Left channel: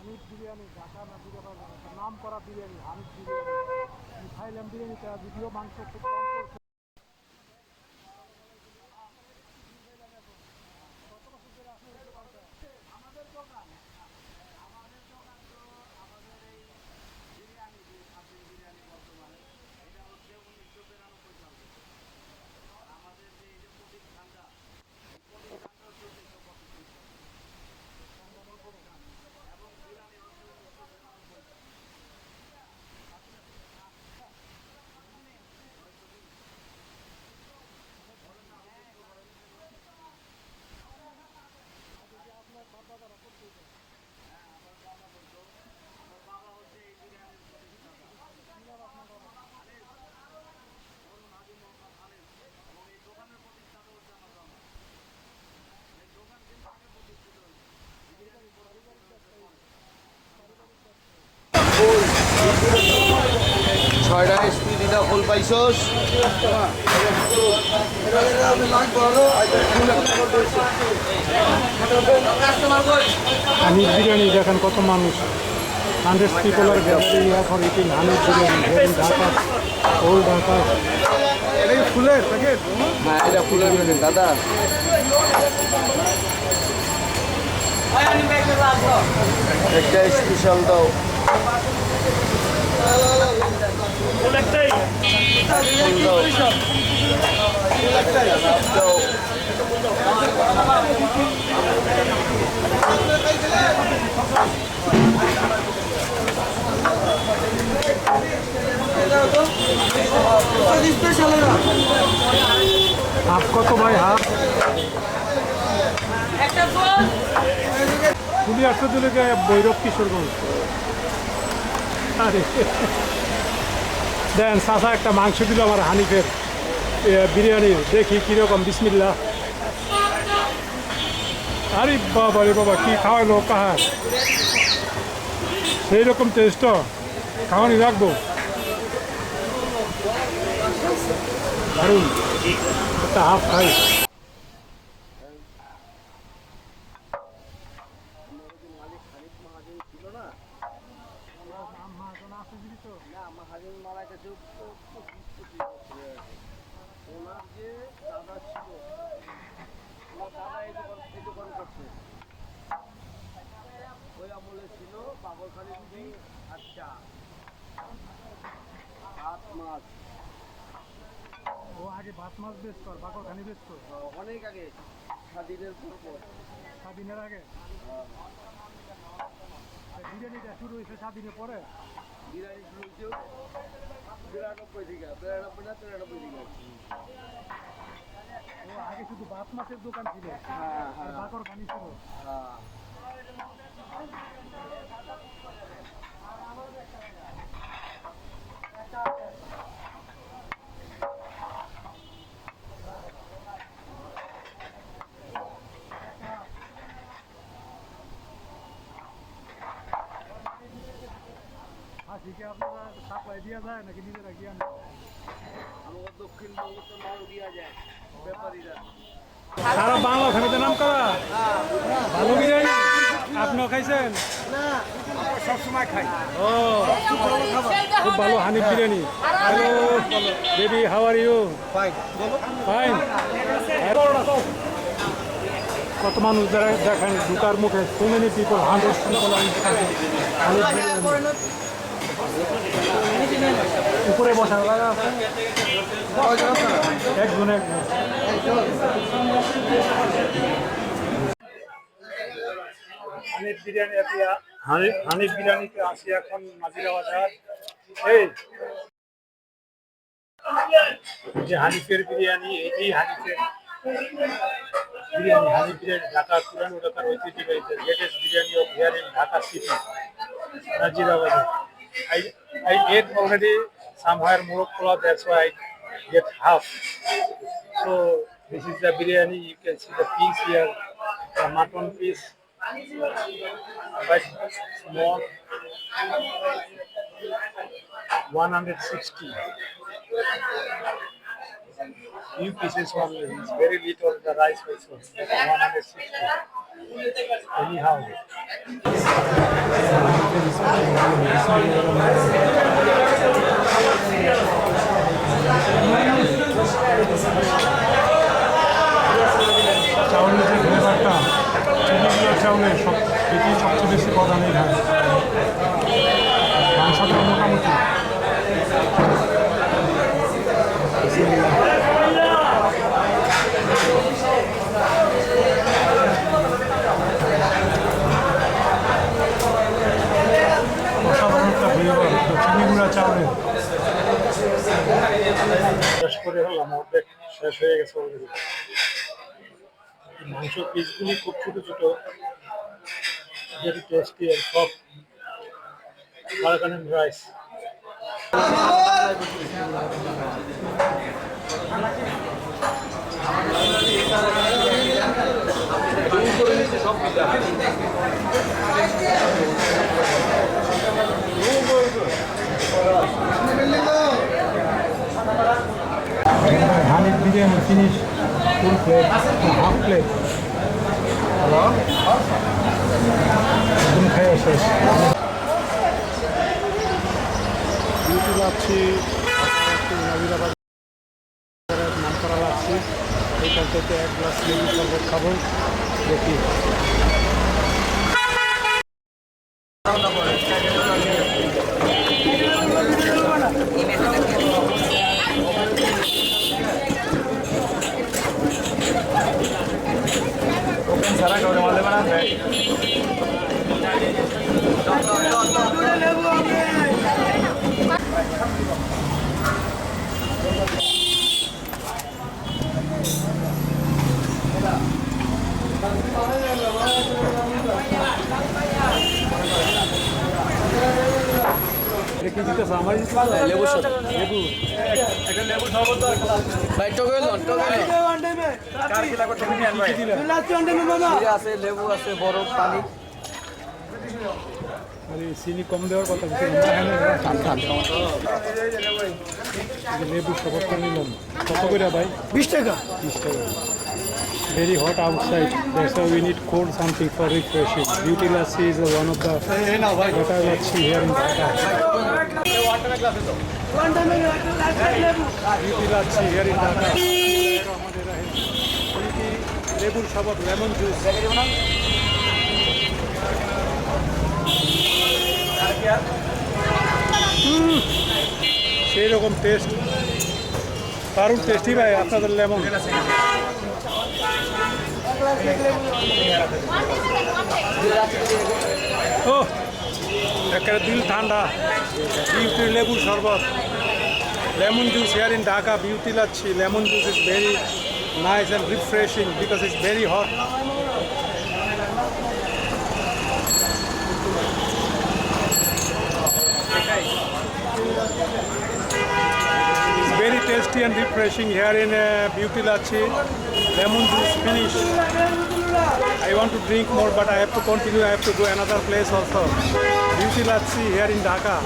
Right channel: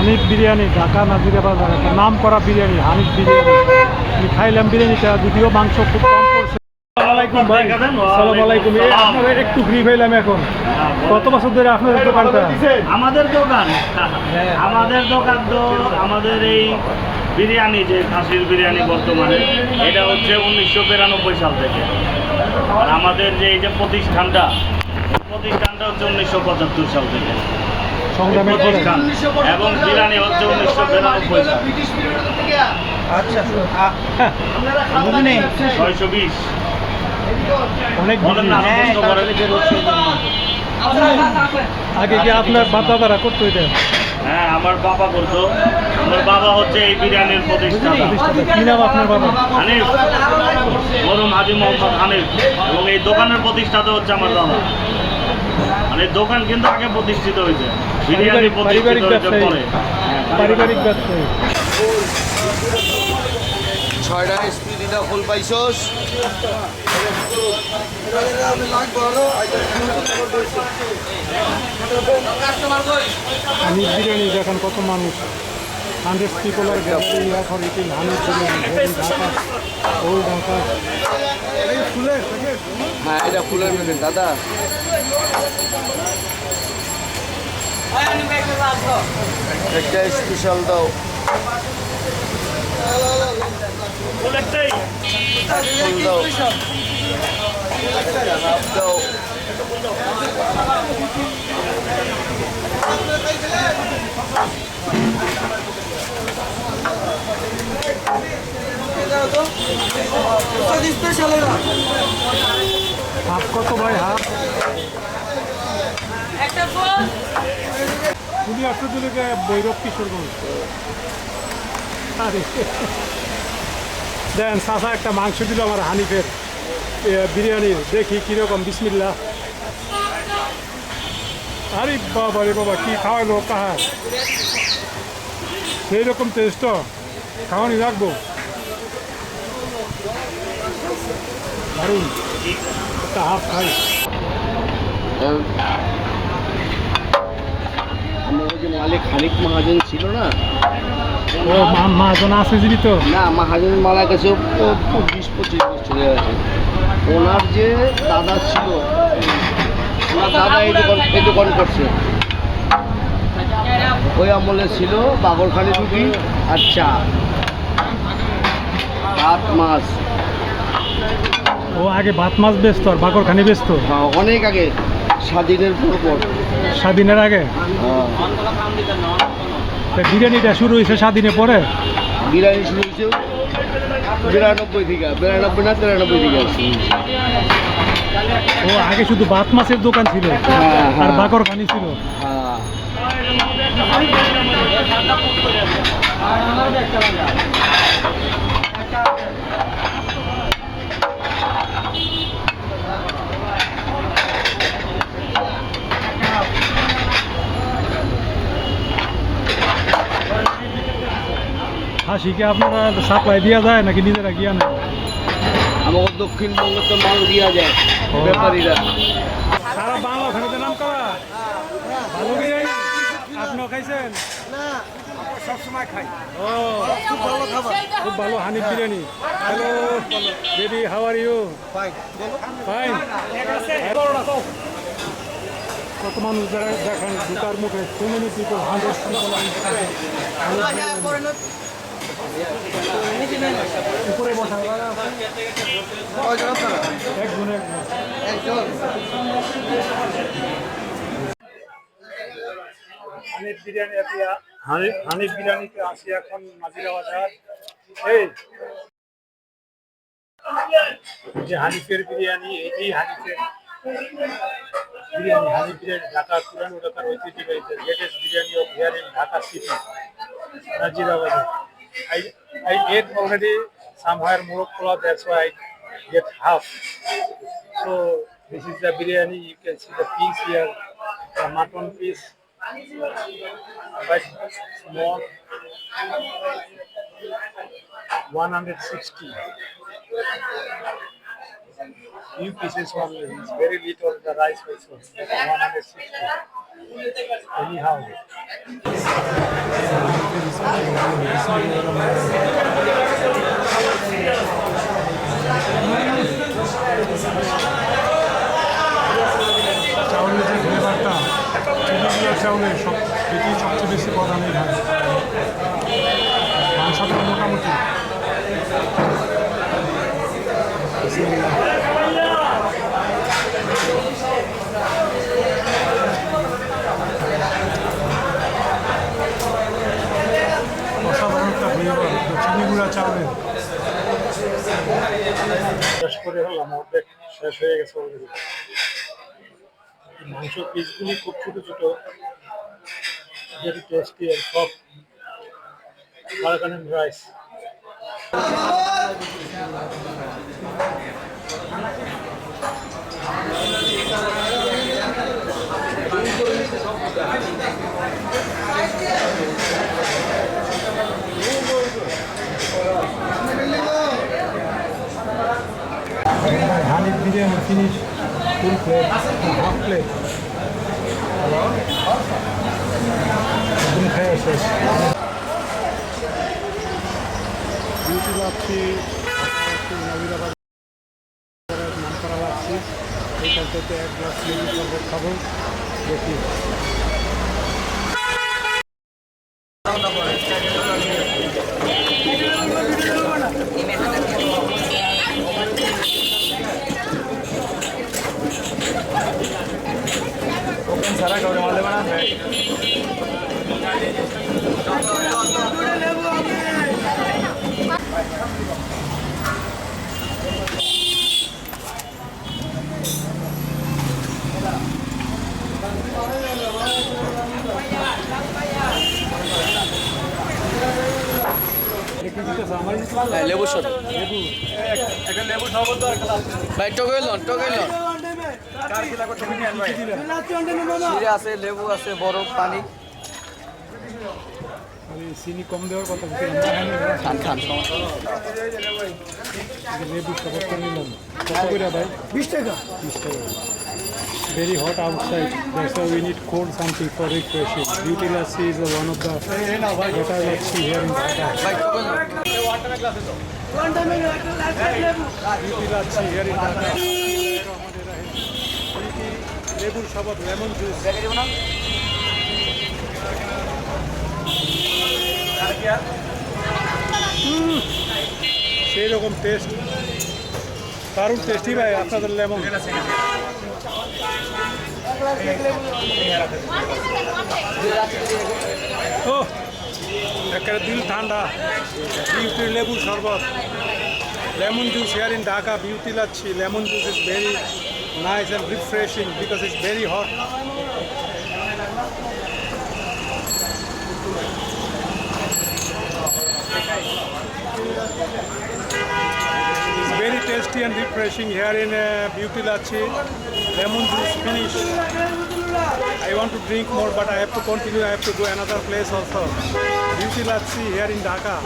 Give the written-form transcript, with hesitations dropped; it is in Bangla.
হানিফ বিরিয়ানি, ঢাকা নাজিরা বাজার, একটা নাম করা বিরিয়ানি হানিফ বিরিয়ানি। আমি খাইলাম বিরিয়ানিটা, যদিও মাংস খুব কম পড়ছে। আসসালামাইকুম ভাই। আসসালামাইকুম। আপনাদের একটু ফ্রি পেলাম এখন। কত বছর ধরে আপনাদের দোকানটা? আমাদের দোকান তো আমাদের এই বিরিয়ানি, যে খাসির বিরিয়ানি বর্তমানে এটা হচ্ছে 1992 সাল থেকে। আর আমাদের যে এই যে প্রতিষ্ঠানটা হচ্ছে 1975 সাল থেকে সংগ্রামের পরে। প্রতিষ্ঠান, এবং বিরিয়ানি হচ্ছে 1992 সাল। আচ্ছা, 620 অনেক বলেন না, আরো প্রশ্ন করেন। আগে কি আপনার বাপ দাদারা করতো এটা? হ্যাঁ, আমার বাবা করতো। আমার বাবা হচ্ছে এই বিরিয়ানির প্রতিষ্ঠাতা। কি নাম আপনার বাবা? হানিফ, মরহুম হাজি মোহাম্মদ হানিফ। এবং এই দোকানের প্রতিষ্ঠাতা হচ্ছে আমার দাদা। মানে দোকান কিন্তু আগে প্রতিষ্ঠিত হয়েছে, বিরিয়ানি প্রতিষ্ঠিত হয়েছে পরে। পারিবারিক ব্যবসায়ী। 6টা স্পিড এটা ফুল পাইছস। হানিফ বিরিয়ানি দেখেন কত মানুষ। 100 পিপলের গ্যালারি এখন ইটিং হানিফ বিরিয়ানি ঢাকা, ওল্ড ঢাকা। ফুলের প্যাকেট? হ্যাঁ, এটা ফুলের প্যাকেট দাদা। একটা স্পেশাল দাও। ফুল একটাই। ফুল দাও দাও। হাফ কত ভাই? হাফ পুলি আসতে তুলে বৈরব কিশোরগঞ্জ। আরে দেন চাষা একটা মাংস দিল আমার হানিফের বিরিয়ানি, দেখি কীরকম। বিসমিল্লাহ। আরে বাবা রে বাবা, কী খাওয়ালো পাহাড়! সেই রকম টেস্ট খাওয়ানি রাখবো। দারুণ। একটা হাফ খাই। আমার যে মালিক হানিফ মহাজন ছিল না, ও মাজন আছে জীবিত? না, মহাজন মারা গেছে 20-25 বছর হয়ে গেছে। ওনার যে দাদা ছিল, ওনার দাদা এই দোকান করছে। ওই আমলে ছিল বাগরখানি রুটি আর চা, ভাত মাছ। ও আগে ভাত মাছ বেচতো আর বাকরখানি বেচতো? হ্যাঁ, অনেক আগে, স্বাধীনের পর। স্বাধীনের আগে? হ্যাঁ। তা বিরিয়ানিটা শুরু হয়েছে স্বাধীনের পরে? বিরিয়ানি শুরু হয়েছে 92 থেকে, 92 না 93 থেকে আসছে। ও আগে শুধু ভাত মাছের দোকান ছিল আর বাকরখানি ছিল? হ্যাঁ। হাসিকে আপনারা সাপ্লাই দেওয়া যায় নাকি নিজেরা গিয়া নেয়? আমাকে দক্ষিণবঙ্গে তো মাল দেওয়া যায় ব্যাপারীরা। সারা বাংলা ওখানে নাম করা ভালো বিরিয়ানি। আপনিও খাইছেন? সবসময় খাই। ও খুব ভালো Hanif biryani. Hello baby, how are you? Fine. Fine. কত মানুষ দেখেন জুতার মুখে। সো মেনি পিপল, 100 উপরে বসা একজন হানিফ বিরিয়ানি। হানিফ বিরিয়ানিতে আসি এখন নাজিরা বাজার। এই যে হানিফের বিরিয়ানি, এটাই হানিফের বিরিয়ানি। হানিফ বিরিয়ানি ঢাকা পুরানো ঢাকার ঐতিহ্যবাহী latest biryani of here in Dhaka city, Nazira বাজার। I ate already somewhere Morocco, that's why I get half. So this is the biryani. You can see the piece here, the mutton piece, quite small, 160. Few pieces only. It's very little. The rice also 160. Anyhow. চাউলের যে ফ্লেভারটা চিনিগুলোর চাউলের এটি সবচেয়ে বেশি প্রধান এখানে। মাংসটা মোটামুটি অসাধারণ একটা ফ্লেভার চিনি গুঁড়া চাউলের। শেষ করে হলাম, অর্ধেক শেষ হয়ে গেছে অলরেডি। মাংস পিসগুলি খুব ছোট ছোট, very tasty and soft Arakan rice. Hanif biryani finish full plate, half plate. Hello? Beauty lassi নাম করা লাচ্ছি। এইখান থেকে এক গ্লাস লেবু শরবত খাবো, দেখি। ওপেন সারা কাউরে মালে বানাবে। লেবু শরবত ভাই, টকেলন জিরে আছে, লেবু আছে, বরফ, পানি। চিনি কম দেওয়ার কথা, খান খান, লেবু শরবত নিলাম। কত করে ভাই? 20 টাকা। 20 টাকা। Very hot outside, that's why we need cold something for refreshing. Beauty lassi is one of the what I like see here in Dhaka. Beauty lassi here in Dhaka. Beauty লেবুর শরবত, লেমন জুস। সেই রকম টেস্ট, দারুণ টেস্টি ভাই আপনাদের লেমন। ও একেবারে দিল ঠান্ডা। বিউটি লেবুর শরবত, lemon juice here in Dhaka, beauty lachi. Lemon juice is very nice and refreshing because it's very hot. It's very tasty and refreshing here in beauty lachi. Lemon juice finish. I want to drink more, but I have to continue. I have to go another place also. Beauty lachi here in Dhaka.